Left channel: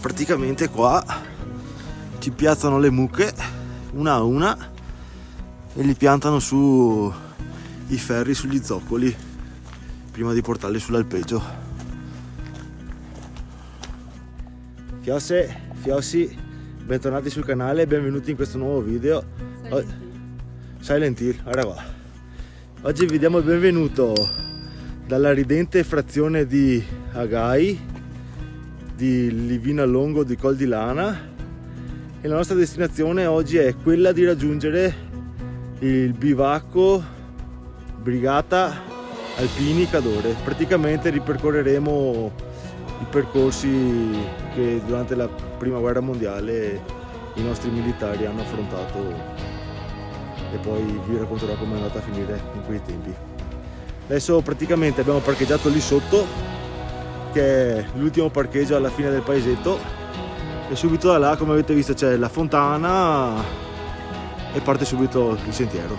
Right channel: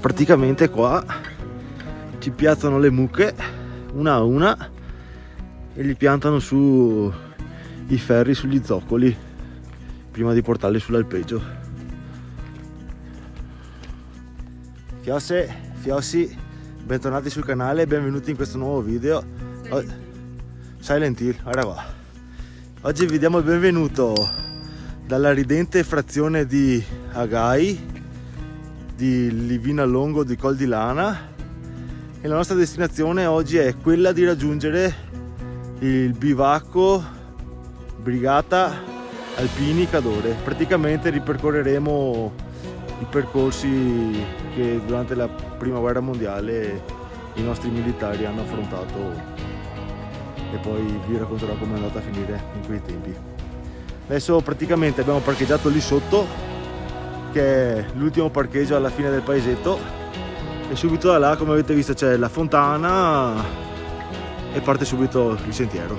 praticamente qua ci piazzano le mucche una a una e li piantano su i ferri sugli zoccoli prima di portarli sull'alpeggio. Fiossi, bentornati sul canale e benvenuti in questo nuovo video. Silent Hill, guarda qua. Oggi vi diamo il benvenuto dalla ridente frazione di Agai, di Livina Longo di Col di Lana, e la nostra destinazione oggi è quella di raggiungere il bivacco Brigata Alpini Cadore. Praticamente ripercorreremo i percorsi che durante la prima guerra mondiale i nostri militari hanno affrontato e poi vi racconterò come è andata a finire in quei tempi. Adesso praticamente abbiamo parcheggiato lì sotto, che è l'ultimo parcheggio alla fine del paesetto, e subito da là, come avete visto, c'è la fontana e parte subito il sentiero.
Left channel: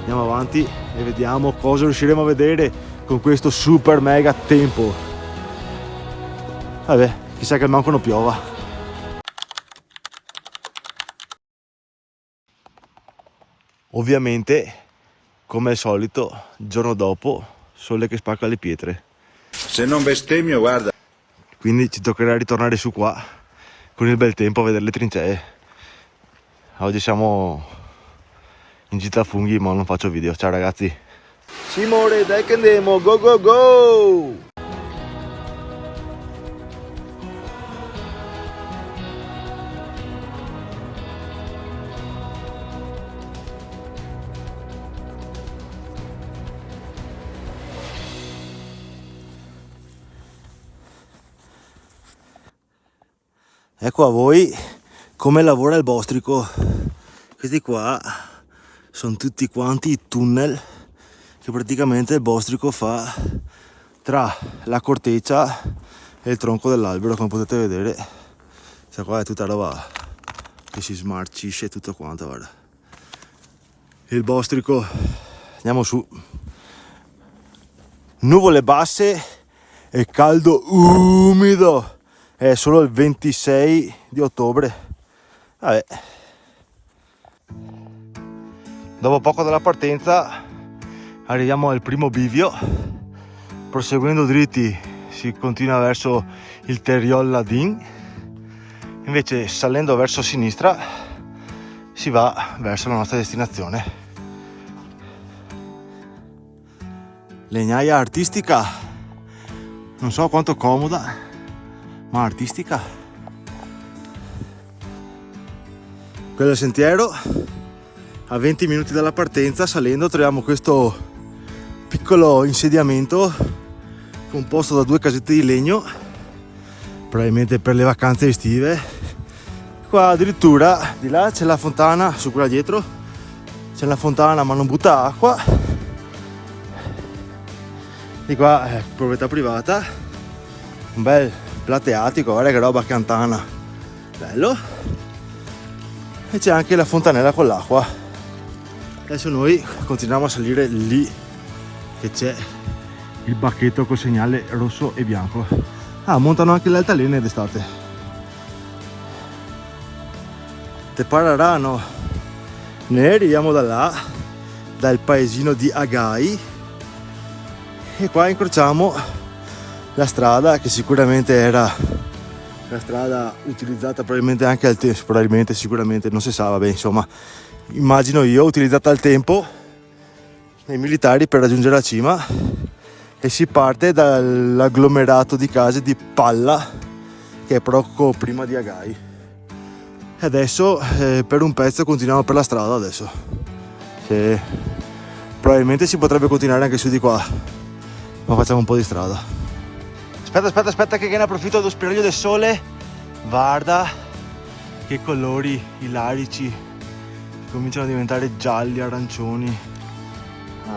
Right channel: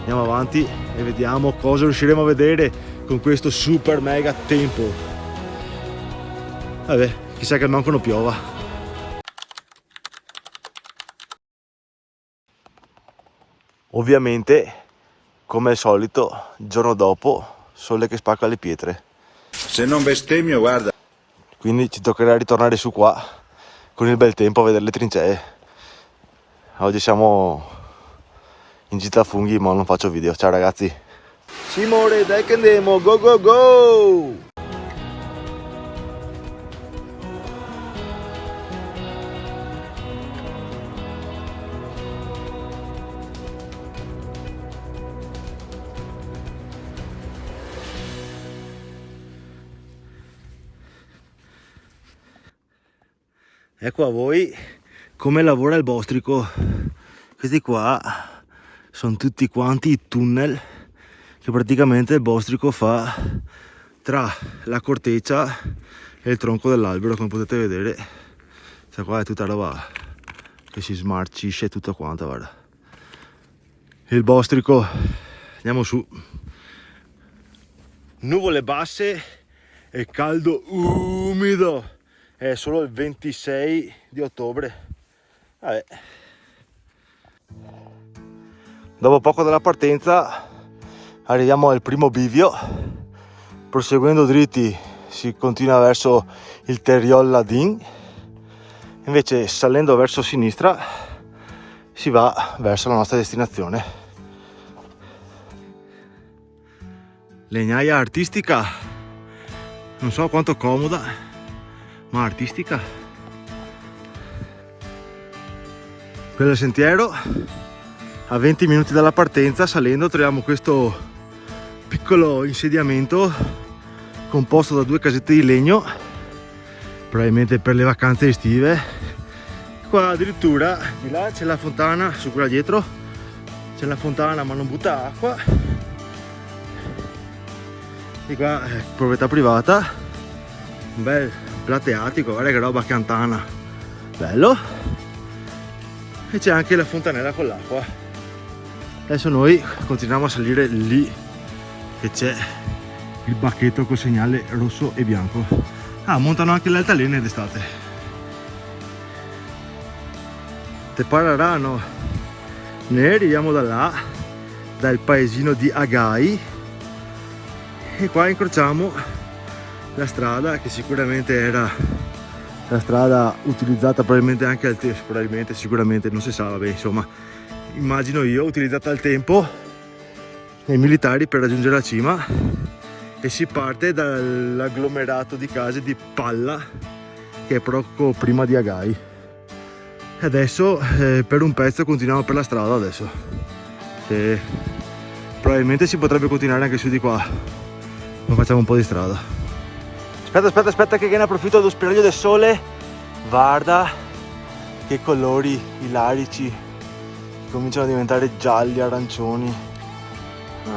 Andiamo avanti e vediamo cosa riusciremo a vedere con questo super mega tempo. Vabbè, chissà che manco non piova. Ovviamente, come al solito, il giorno dopo, sole che spacca le pietre. Se non bestemmio, guarda. Quindi ci toccherà ritornare su qua con il bel tempo a vedere le trincee. Oggi siamo in gita a funghi, ma non faccio video. Ciao ragazzi. Simone, dai che andiamo, go go go! Ecco a voi come lavora il bostrico. Questi qua sono tutti quanti i tunnel che praticamente il bostrico fa tra la corteccia e il tronco dell'albero. Come potete vedere, questa qua è tutta roba che si smarcisce tutto quanto, guarda. Il bostrico, andiamo su. Nuvole basse e caldo umido. È solo il 26 di ottobre. Vabbè. Dopo poco dalla partenza arriviamo al primo bivio. Proseguendo dritti si continua verso il Terriol Ladin. Invece salendo verso sinistra si va verso la nostra destinazione. Legnaia artistica. Non so quanto comoda, ma artistica. Quello è il sentiero. A 20 minuti dalla partenza, salendo, troviamo questo piccolo insediamento composto da 2 casette di legno, probabilmente per le vacanze estive. Qua addirittura di là c'è la fontana, su quella dietro c'è la fontana ma non butta acqua. Di qua è proprietà privata, un bel plateatico, guarda che roba cantana, bello. E c'è anche la fontanella con l'acqua. Adesso noi continuiamo a salire lì, che c'è il bacchetto col segnale rosso e bianco. Ah, montano anche le altalene d'estate. Te pararano. Ne arriviamo da là, dal paesino di Agai, e qua incrociamo la strada che sicuramente era la strada utilizzata probabilmente anche al tempo, probabilmente, sicuramente, non si sa, vabbè, insomma, immagino io, utilizzata al tempo dai militari per raggiungere la cima, e si parte dall'agglomerato di case di Palla, che è poco prima di Agai. E adesso per un pezzo continuiamo per la strada adesso, che probabilmente si potrebbe continuare anche su di qua, ma facciamo un po' di strada. Aspetta che ne approfitto dello spiraglio del sole. Guarda che colori ilarici, cominciano a diventare gialli, arancioni.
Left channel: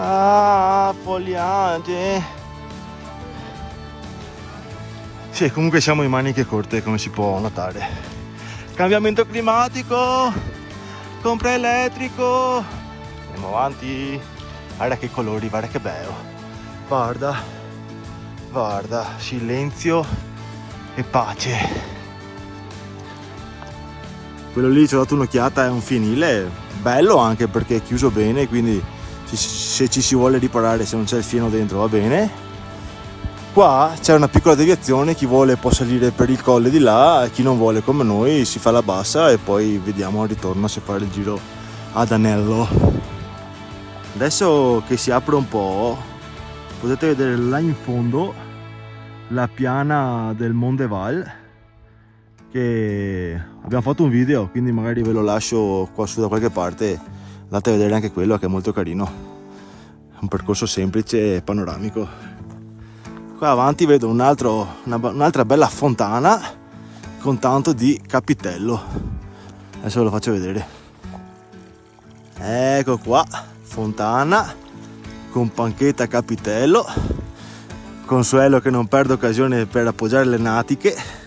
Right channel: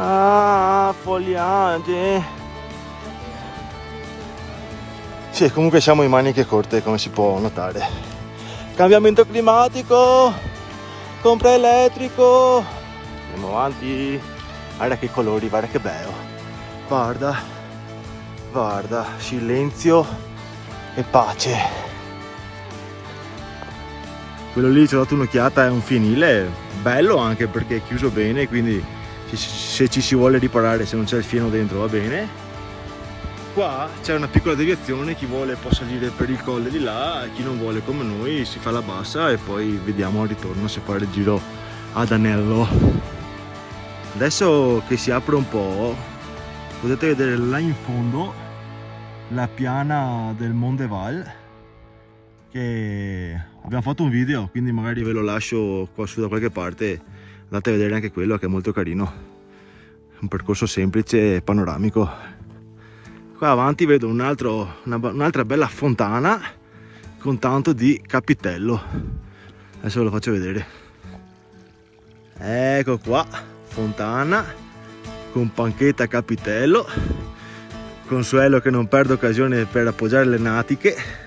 Ah, foliage. Sì, comunque siamo in maniche corte, come si può notare. Cambiamento climatico, compra elettrico. Andiamo avanti. Guarda che colori, guarda che bello. Guarda, silenzio e pace. Quello lì ci ho dato un'occhiata, è un fienile, bello anche perché è chiuso bene, quindi se ci si vuole riparare, se non c'è il fieno dentro va bene. Qua c'è una piccola deviazione, chi vuole può salire per il colle di là, chi non vuole come noi si fa la bassa e poi vediamo al ritorno se fare il giro ad anello. Adesso che si apre un po' potete vedere là in fondo la piana del Mondeval, che abbiamo fatto un video, quindi magari ve lo lascio qua su da qualche parte, andate a vedere anche quello che è molto carino, un percorso semplice e panoramico. Qua avanti vedo un'altra bella fontana con tanto di capitello, adesso ve lo faccio vedere. Ecco qua, fontana con panchetta capitello, consuelo che non perde occasione per appoggiare le natiche,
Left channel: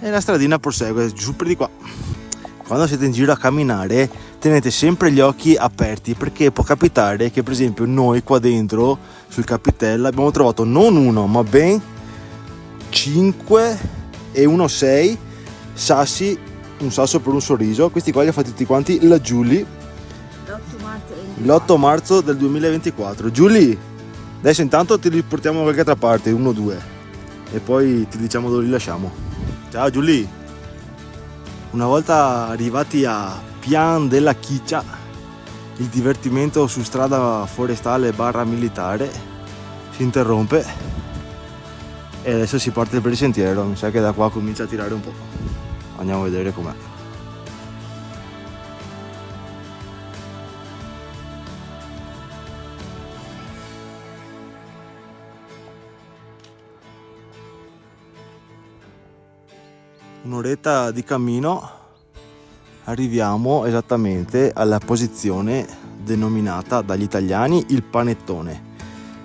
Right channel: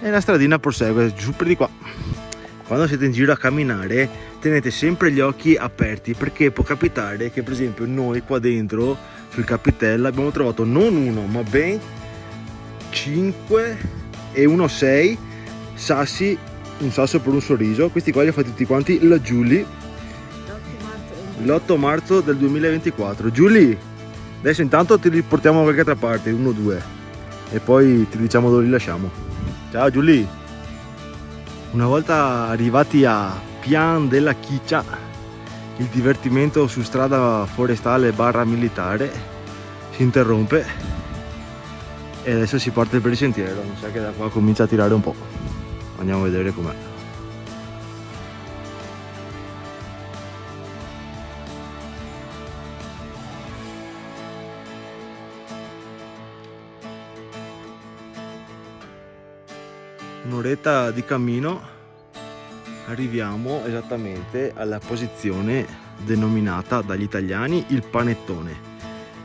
e la stradina prosegue giù per di qua. Quando siete in giro a camminare tenete sempre gli occhi aperti, perché può capitare che per esempio noi qua dentro sul capitello abbiamo trovato non uno ma ben 5 e 1 6 sassi, un sasso per un sorriso. Questi qua li ho fatti tutti quanti la Giulia l'8 marzo del 2024. Giulia, adesso intanto ti riportiamo da qualche altra parte, 1 o 2, e poi ti diciamo dove li lasciamo. Ciao Giulia. Una volta arrivati a Pian della Chiccia, il divertimento su strada forestale / militare si interrompe e adesso si parte per il sentiero. Mi sa che da qua comincia a tirare un po'. Andiamo a vedere com'è. Un'oretta di cammino arriviamo esattamente alla posizione denominata dagli italiani il panettone,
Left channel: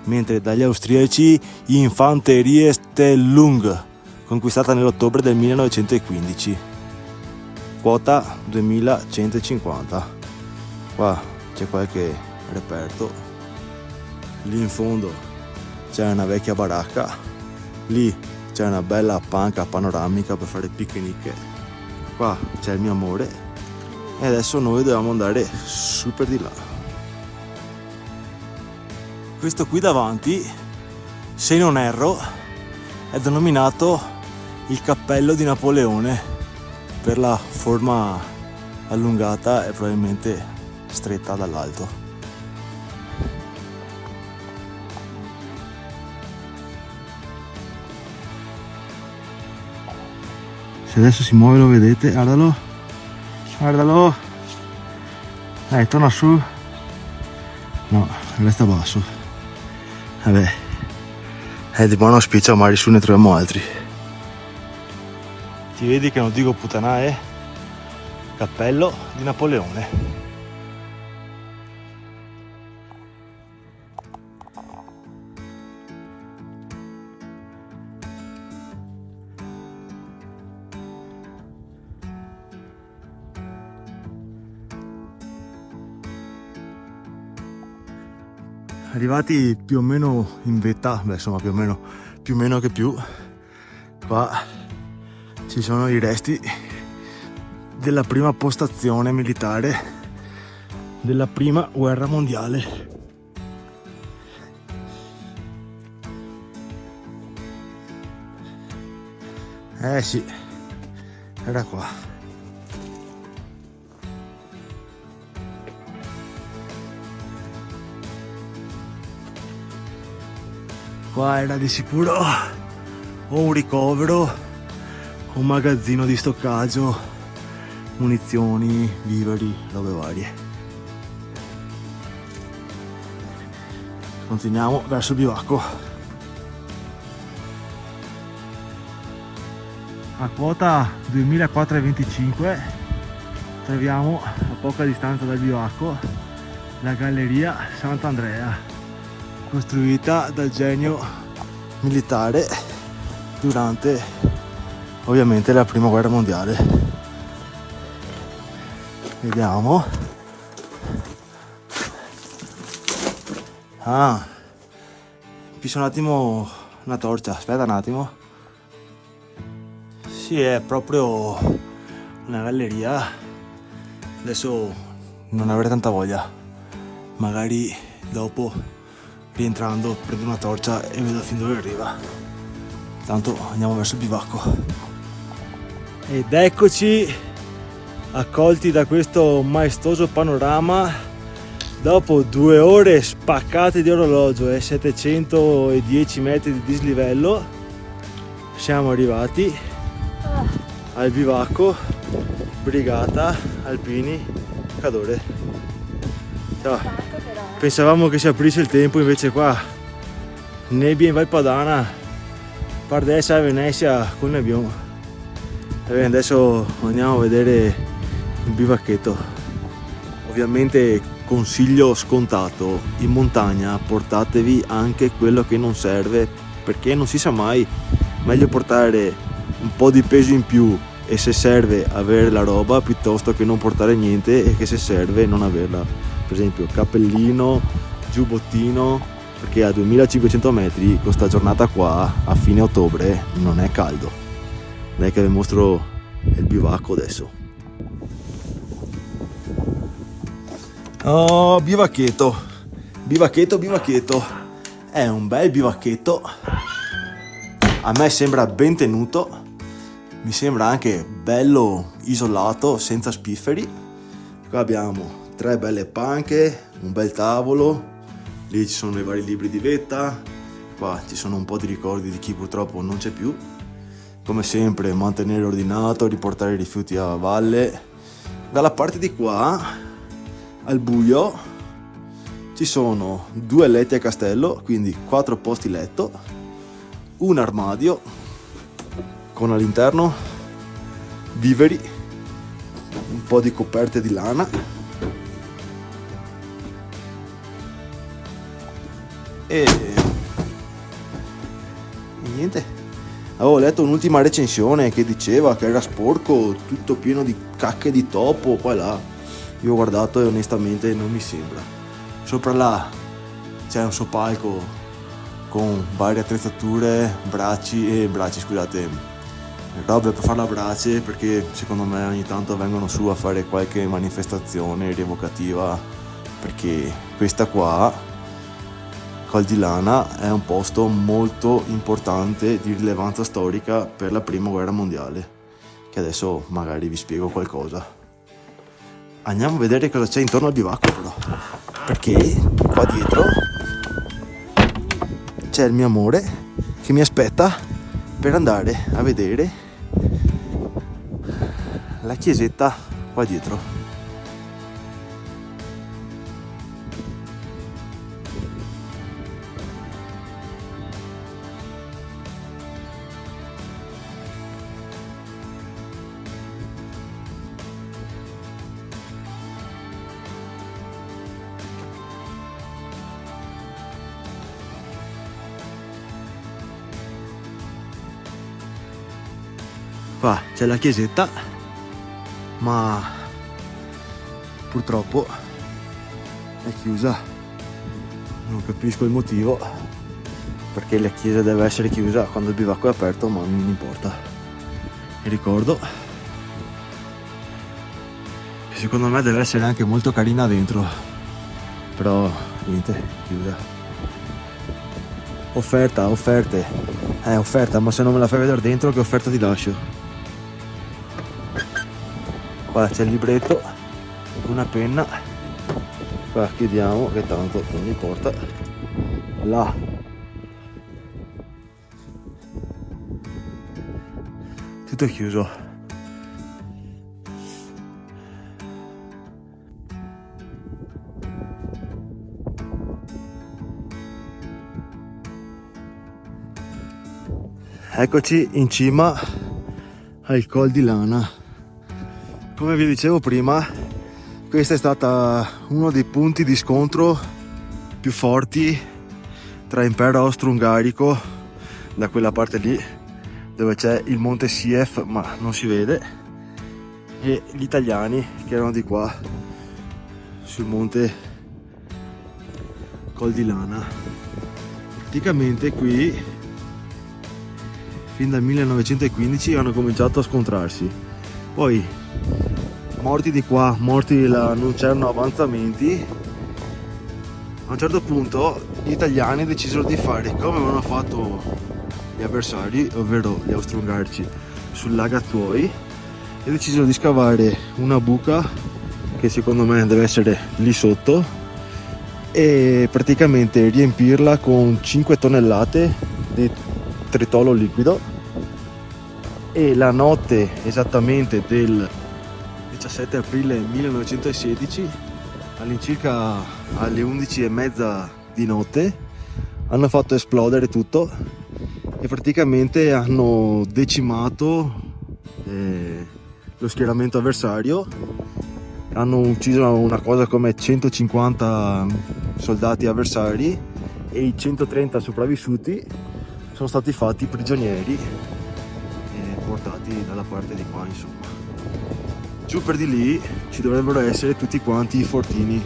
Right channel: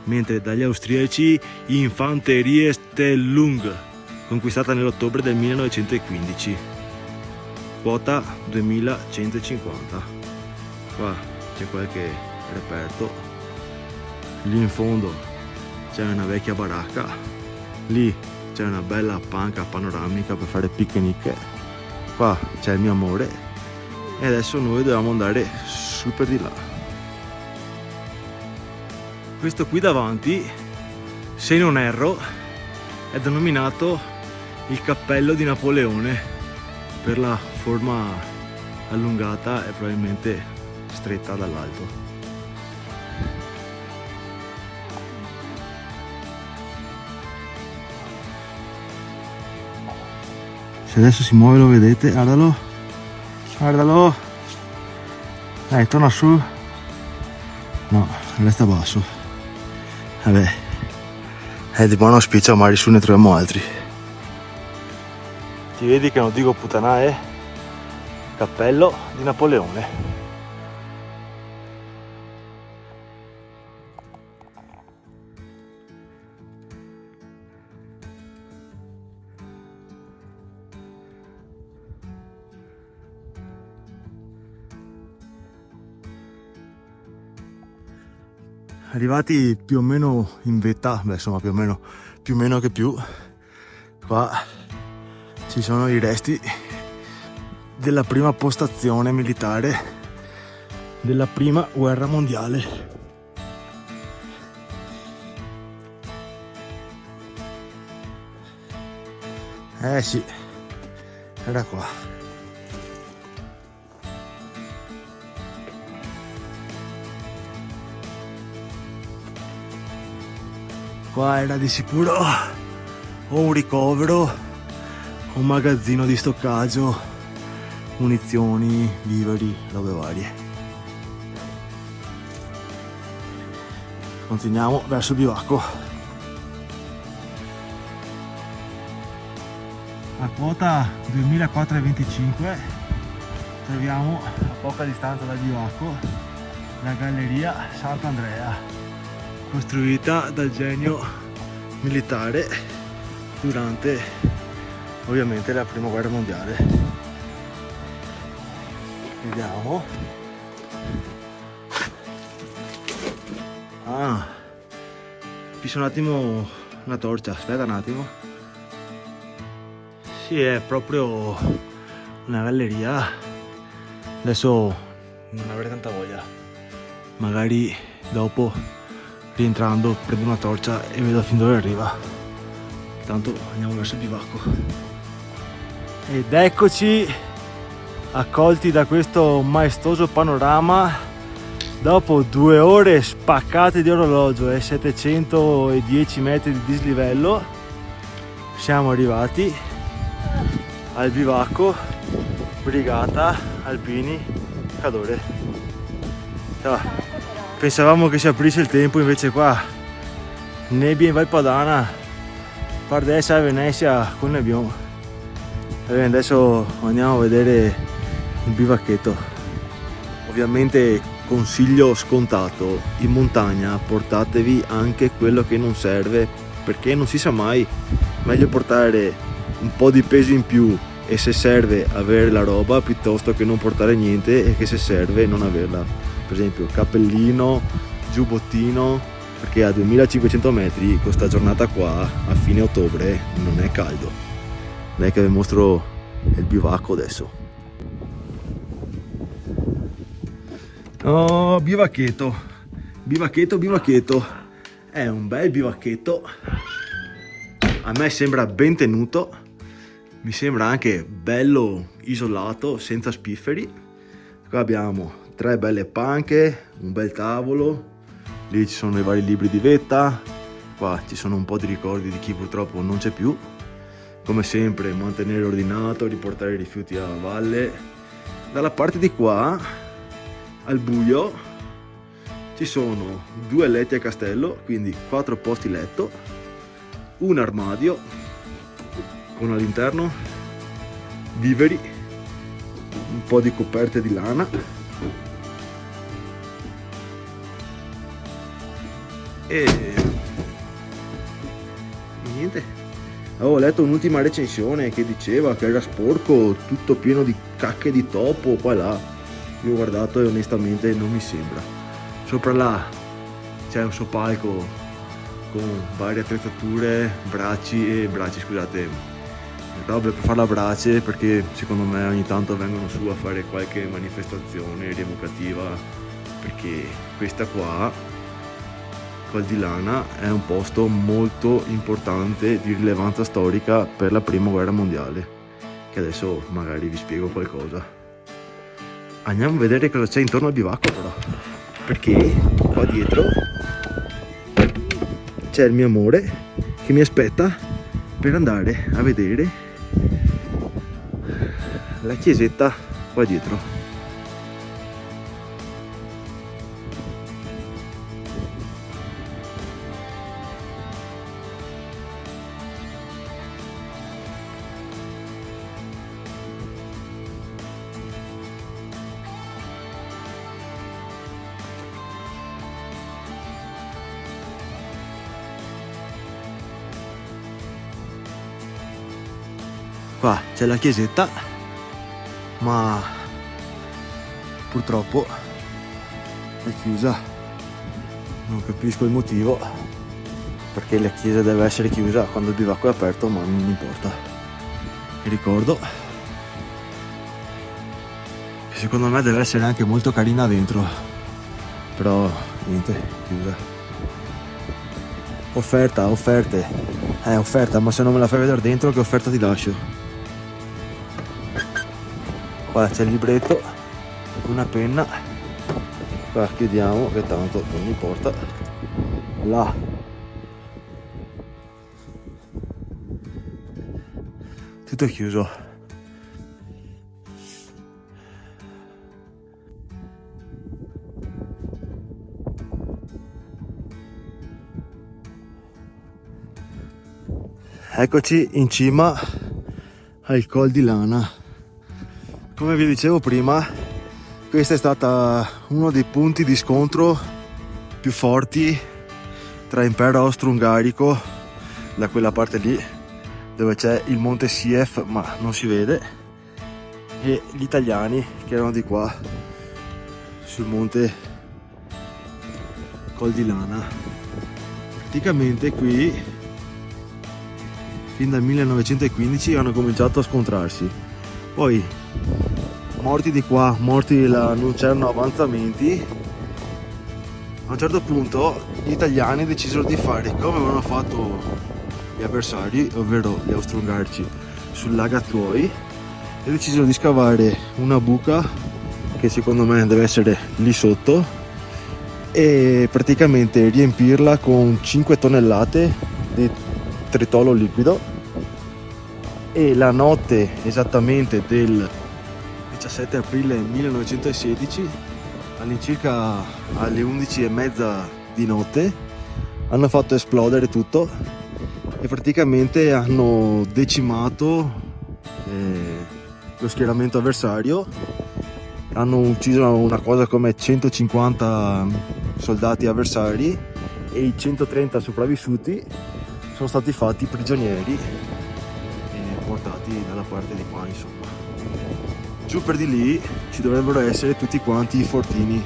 mentre dagli austriaci Infanteriestellung, conquistata nell'ottobre del 1915, quota 2150. Qua c'è qualche reperto, lì in fondo c'è una vecchia baracca, lì c'è una bella panca panoramica per fare picnic, qua c'è il mio amore e adesso noi dobbiamo andare su per di là. Questo qui davanti, se non erro, è denominato il cappello di Napoleone per la forma allungata e probabilmente stretta dall'alto. Se adesso si muove lo vedete, guardalo, guardalo, torna su, no, resta basso, vabbè, di buon auspicio magari su ne troviamo altri. Ti vedi che non dico puttana, cappello di Napoleone. Arrivati più o meno in vetta, beh insomma più o meno che più, qua ci sono i resti della prima postazione militare della prima guerra mondiale. Sì, era qua. Qua era di sicuro o un ricovero, un magazzino di stoccaggio, munizioni, viveri, robe varie. Continuiamo verso il bivacco. A quota 2425 troviamo a poca distanza dal bivacco la galleria Sant'Andrea, costruita dal genio militare durante ovviamente la prima guerra mondiale. Vediamo. Fisso un attimo una torcia, aspetta un attimo. Sì, è proprio una galleria. Adesso non avrei tanta voglia, magari dopo rientrando prendo una torcia e vedo fin dove arriva. Tanto andiamo verso il bivacco. Ed eccoci accolti da questo maestoso panorama. Dopo 2 ore spaccate di orologio e 710 metri di dislivello siamo arrivati al bivacco Brigata Alpini Cadore. Ciao. Pensavamo che si aprisse il tempo, invece qua nebbia in Val Padana, Pardessa e Venezia con nebbione. Adesso andiamo a vedere il bivacchetto. Ovviamente consiglio scontato: in montagna portatevi anche quello che non serve, perché non si sa mai, meglio portare un po' di peso in più e se serve avere la roba piuttosto che non portare niente e che se serve non averla. Per esempio cappellino, giubbottino, perché a 2500 metri questa giornata qua a fine ottobre non è caldo. Dai che vi mostro il bivacco adesso. Oh, bivacchetto, è un bel bivacchetto, a me sembra ben tenuto, mi sembra anche bello isolato, senza spifferi. Qua abbiamo 3 belle panche, un bel tavolo, lì ci sono i vari libri di vetta, qua ci sono un po' di ricordi di chi purtroppo non c'è più. Come sempre mantenere ordinato, riportare i rifiuti a valle. Dalla parte di qua al buio ci sono 2 letti a castello, quindi 4 posti letto, un armadio con all'interno viveri, un po' di coperte di lana e niente. Avevo letto un'ultima recensione che diceva che era sporco, tutto pieno di cacche di topo qua e là. Io ho guardato e onestamente non mi sembra. Sopra là c'è un soppalco con varie attrezzature, bracci, robe per fare la brace, perché secondo me ogni tanto vengono su a fare qualche manifestazione rievocativa, perché questa qua, Col di Lana, è un posto molto importante di rilevanza storica per la prima guerra mondiale, che adesso magari vi spiego qualcosa. Andiamo a vedere cosa c'è intorno al bivacco però, perché qua dietro c'è il mio amore che mi aspetta per andare a vedere la chiesetta qua dietro. Qua c'è la chiesetta, ma purtroppo è chiusa. Non capisco il motivo, perché la chiesa deve essere chiusa quando il bivacco è aperto, ma non importa. E ricordo che secondo me deve essere anche molto carina dentro, però niente, chiusa. Offerta, ma se non me la fai vedere dentro, che offerta ti lascio? Qua c'è il libretto, una penna, qua chiudiamo che tanto non importa. Là tutto chiuso. Eccoci in cima al Col di Lana. Come vi dicevo prima, questo è stato uno dei punti di scontro più forti tra impero austro-ungarico, da quella parte lì dove c'è il monte Sief ma non si vede, e gli italiani che erano di qua sul monte Col di Lana. Praticamente qui fin dal 1915 hanno cominciato a scontrarsi. Poi morti di qua, morti di là, non c'erano avanzamenti. A un certo punto gli italiani decisero di fare come avevano fatto gli avversari, ovvero gli austro-ungarici sul Lagazzuoi, e decisero di scavare una buca che secondo me deve essere lì sotto e praticamente riempirla con 5 tonnellate di tritolo liquido. E la notte esattamente del 17 aprile 1916, all'incirca alle 11:30 di notte, hanno fatto esplodere tutto e praticamente hanno decimato lo schieramento avversario. Hanno ucciso una cosa come 150 soldati avversari e i 130 sopravvissuti sono stati fatti prigionieri e portati dalla parte di qua, insomma. Giù per di lì ci dovrebbero essere tutti quanti i fortini,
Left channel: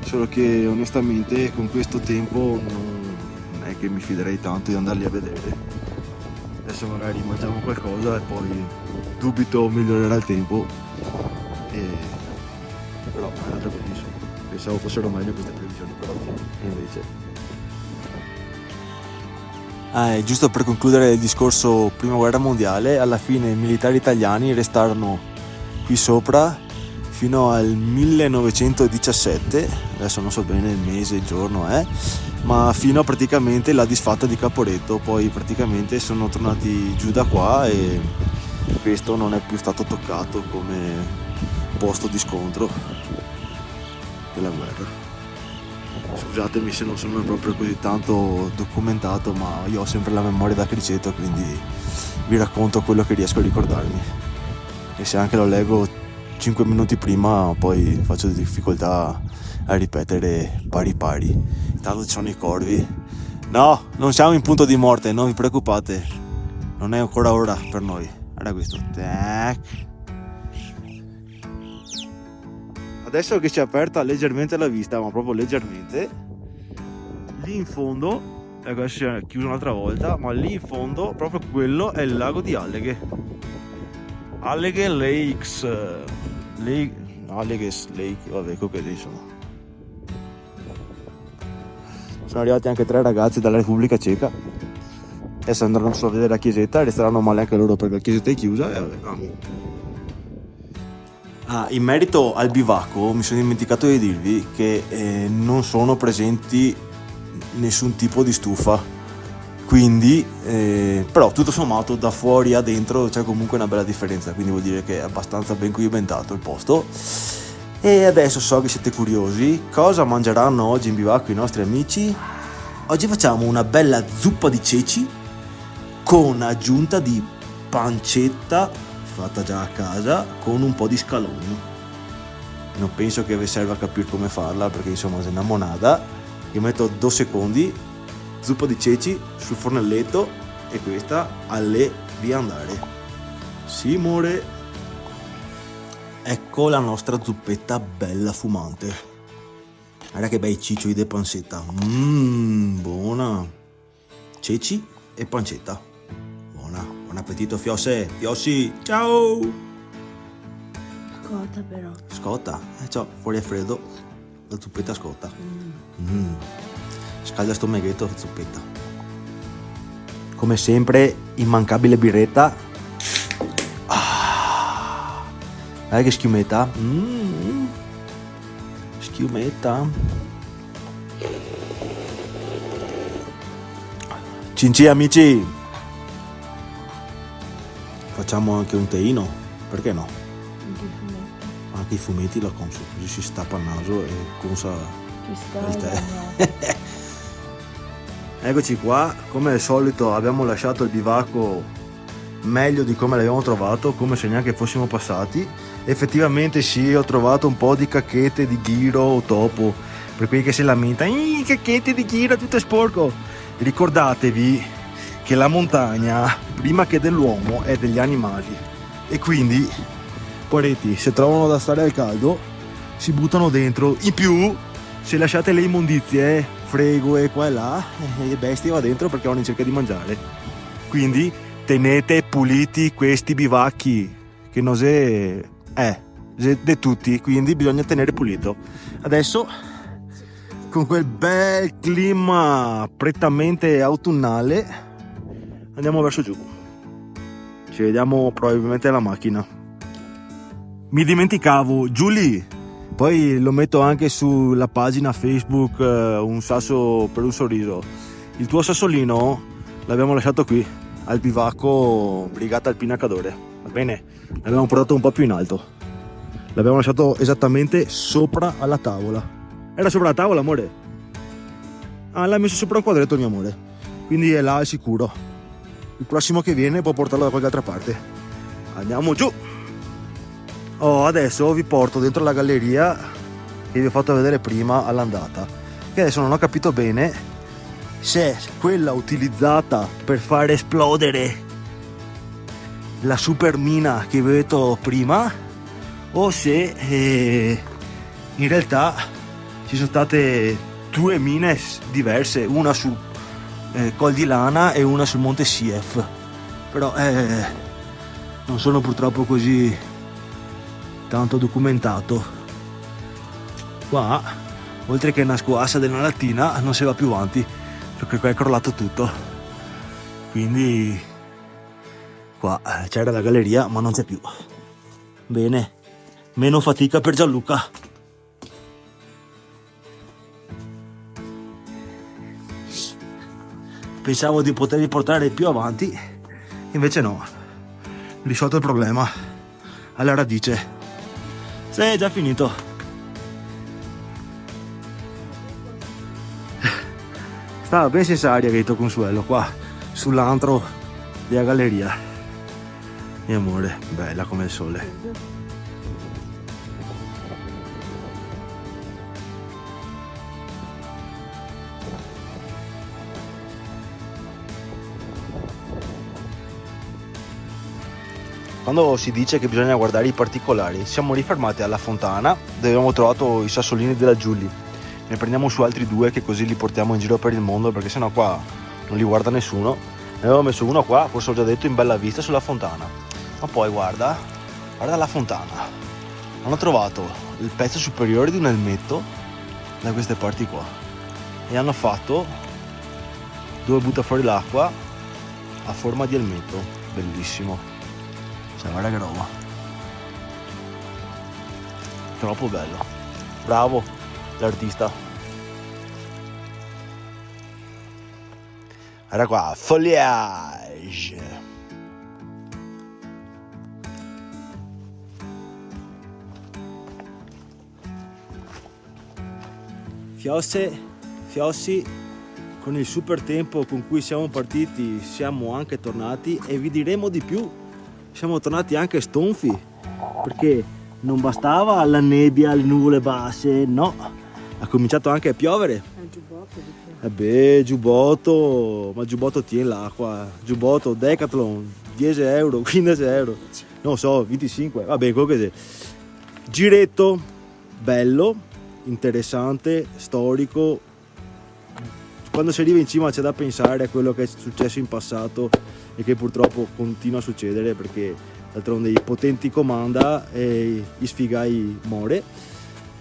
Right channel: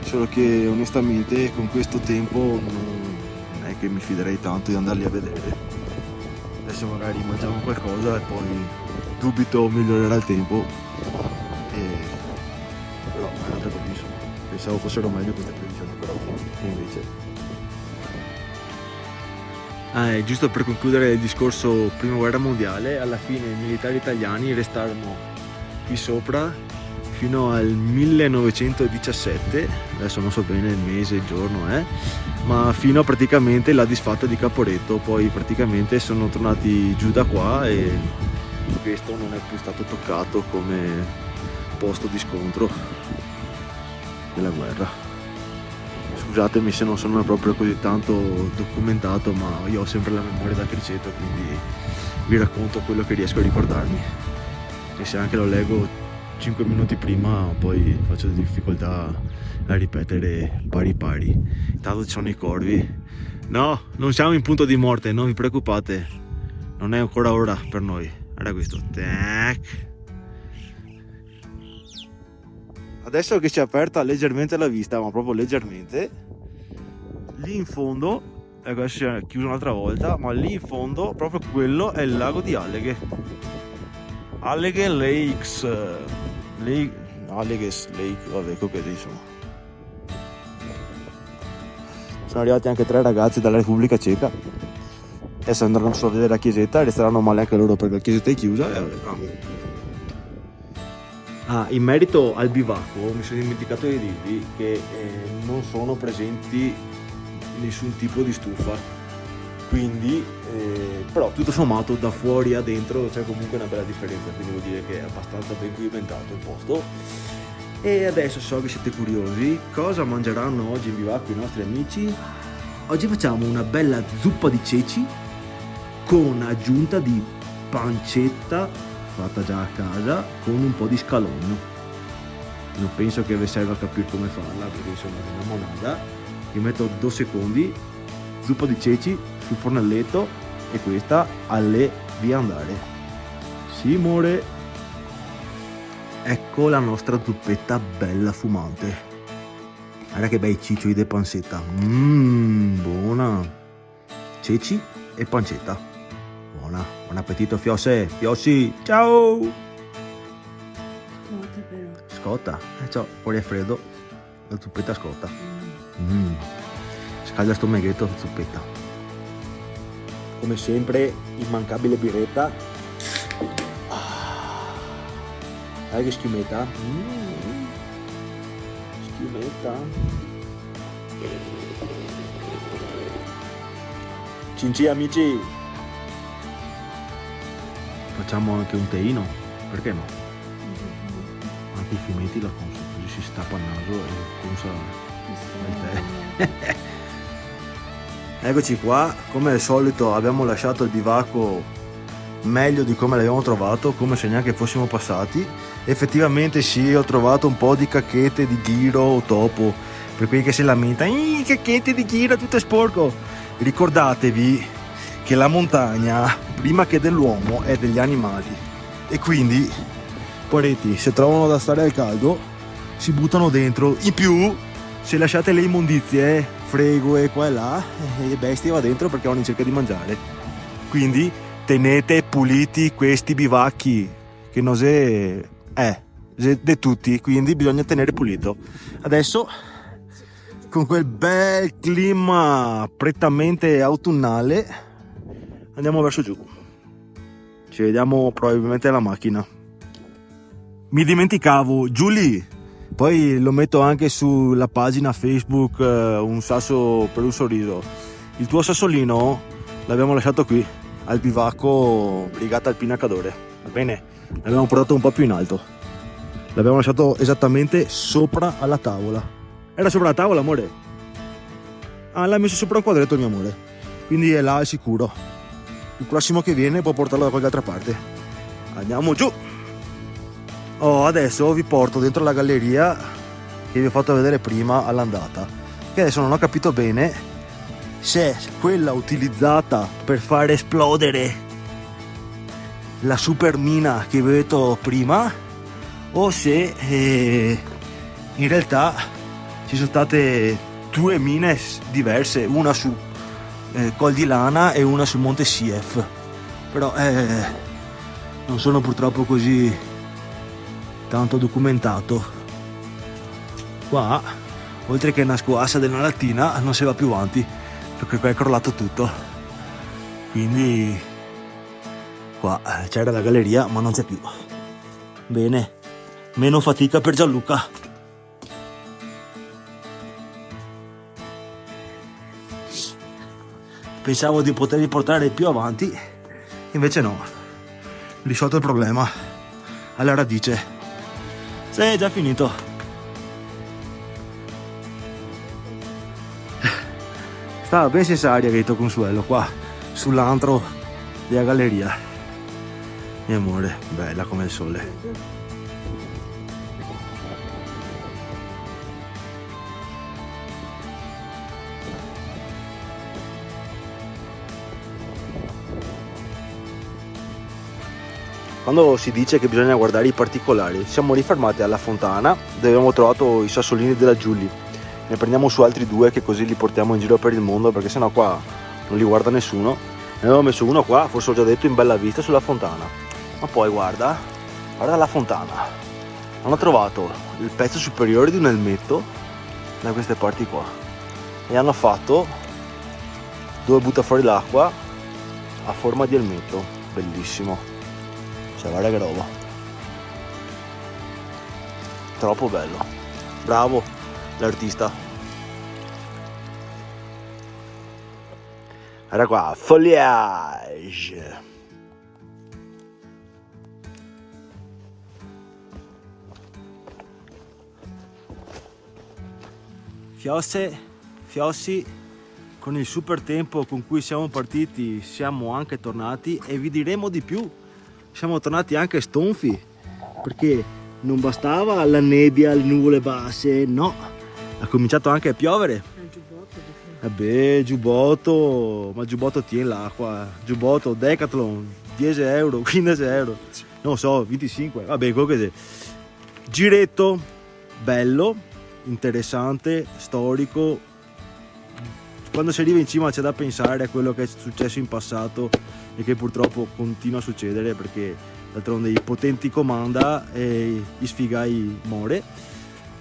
solo che onestamente con questo tempo non è che mi fiderei tanto di andarli a vedere. Adesso magari mangiamo qualcosa e poi dubito migliorerà il tempo, però è un'altra cosa, insomma. Pensavo fossero meglio queste previsioni per oggi, e invece... giusto per concludere il discorso prima guerra mondiale, alla fine i militari italiani restarono qui sopra fino al 1917, adesso non so bene il mese, il giorno, ma fino a praticamente la disfatta di Caporetto. Poi praticamente sono tornati giù da qua e questo non è più stato toccato come posto di scontro della guerra. Scusatemi se non sono proprio così tanto documentato, ma io ho sempre la memoria da criceto, quindi vi racconto quello che riesco a ricordarmi, e se anche lo leggo 5 minuti prima poi faccio difficoltà a ripetere pari. Intanto ci sono i corvi. No, non siamo in punto di morte, non vi preoccupate, non è ancora ora per noi. Guarda questo. Tac. Adesso che si è aperta leggermente la vista, ma proprio leggermente, lì in fondo, ecco, adesso si è chiuso un'altra volta, ma lì in fondo proprio quello è il lago di Alleghe. Alleghe Lakes, Alleghe Lake, vabbè, comunque insomma. Sono arrivati anche 3 ragazzi dalla Repubblica Ceca. Adesso andranno solo a vedere la chiesetta, resteranno male anche loro perché la chiesetta è chiusa. E vabbè. In merito al bivacco mi sono dimenticato di dirvi che non sono presenti nessun tipo di stufa, quindi però tutto sommato da fuori a dentro c'è comunque una bella differenza, quindi vuol dire che è abbastanza ben cimentato il posto. E adesso so che siete curiosi, cosa mangeranno oggi in bivacco i nostri amici? Oggi facciamo una bella zuppa di ceci con aggiunta di pancetta fatta già a casa con un po' di scalogno. Non penso che vi serva a capire come farla perché insomma è una monada. Io metto 2 secondi, zuppa di ceci sul fornelletto e questa alle via andare. Sì, amore. Ecco la nostra zuppetta bella fumante. Guarda che bei ciccioli di pancetta. Buona. Ceci e pancetta. Buona. Buon appetito, Fiossi. Ciao. Scotta però. Scotta? Ciao, fuori è freddo. La zuppetta scotta. Scalda sto meghetto, zuppetta. Come sempre, immancabile birretta. Guarda che schiumetta. Schiumetta. Cinci amici. Facciamo anche un teino, perché no? Anche i fumetti la conso, così si stappa il naso e consa il tè. Eccoci qua, come al solito abbiamo lasciato il bivacco meglio di come l'abbiamo trovato, come se neanche fossimo passati. Effettivamente sì, ho trovato un po' di cacchette di ghiro o topo, per quelli che si lamentano, cacchette di ghiro, tutto è sporco. Ricordatevi che la montagna, prima che dell'uomo, è degli animali, e quindi poretti, se trovano da stare al caldo si buttano dentro. In più, se lasciate le immondizie, frego e qua e là, le bestie va dentro perché vanno in cerca di mangiare. Quindi tenete puliti questi bivacchi, che non è di tutti, quindi bisogna tenere pulito. Adesso, con quel bel clima prettamente autunnale, andiamo verso giù. Ci vediamo probabilmente alla macchina. Mi dimenticavo, Giulia, poi lo metto anche sulla pagina Facebook, un sasso per un sorriso. Il tuo sassolino l'abbiamo lasciato qui al bivacco Brigata Alpina Cadore, va bene? L'abbiamo portato un po' più in alto, l'abbiamo lasciato esattamente sopra alla tavola. Era sopra la tavola, amore? Ah, l'ha messo sopra un quadretto, mio amore, quindi è là al sicuro. Il prossimo che viene può portarlo da qualche altra parte. Andiamo giù. Adesso vi porto dentro la galleria che vi ho fatto vedere prima all'andata, che adesso non ho capito bene se è quella utilizzata per far esplodere la super mina che vi ho detto prima, o se in realtà ci sono state due mine diverse, una su Col di Lana e una sul Monte Sief, però non sono purtroppo così tanto documentato. Qua, oltre che una scoassa della lattina, non si va più avanti perché qua è crollato tutto, quindi qua c'era la galleria ma non c'è più. Bene, meno fatica per Gianluca. Pensavo di poterli portare più avanti, invece no, risolto il problema alla radice. Sì, è già finito. Stava ben senza aria che detto Consuelo qua sull'antro della galleria. Mio amore, bella come il sole. Quando si dice che bisogna guardare i particolari, siamo rifermati alla fontana dove abbiamo trovato i sassolini della Giulia. Ne prendiamo su altri due, che così li portiamo in giro per il mondo, perché sennò qua non li guarda nessuno. Ne avevo messo uno qua, forse ho già detto, in bella vista sulla fontana. Ma poi guarda la fontana. Non ho trovato il pezzo superiore di un elmetto da queste parti qua. E hanno fatto dove butta fuori l'acqua a forma di elmetto. Bellissimo. Cioè, guarda che roba. Troppo bello. Bravo l'artista. Era qua, foliage. Fiossi, con il super tempo con cui siamo partiti siamo anche tornati, e vi diremo di più, siamo tornati anche stonfi, perché non bastava la nebbia, le nuvole basse, no, ha cominciato anche a piovere. Giubbotto, ma giubbotto tiene l'acqua, giubbotto Decathlon, 10 euro, 15 euro, non so, 25, vabbè, quello che sia. Giretto bello, interessante, storico. Quando si arriva in cima c'è da pensare a quello che è successo in passato e che purtroppo continua a succedere, perché d'altronde i potenti comanda e gli sfigai more.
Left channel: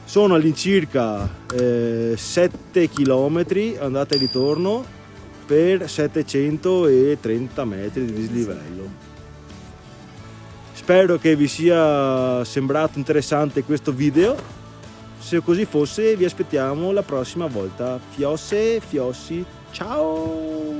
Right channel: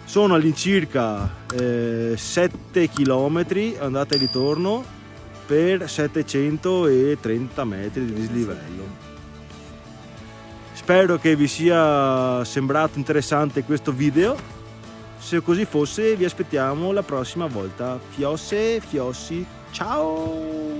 Sono all'incirca 7 km andata e ritorno per 730 metri di dislivello. Spero che vi sia sembrato interessante questo video. Se così fosse, vi aspettiamo la prossima volta. Fiossi, ciao!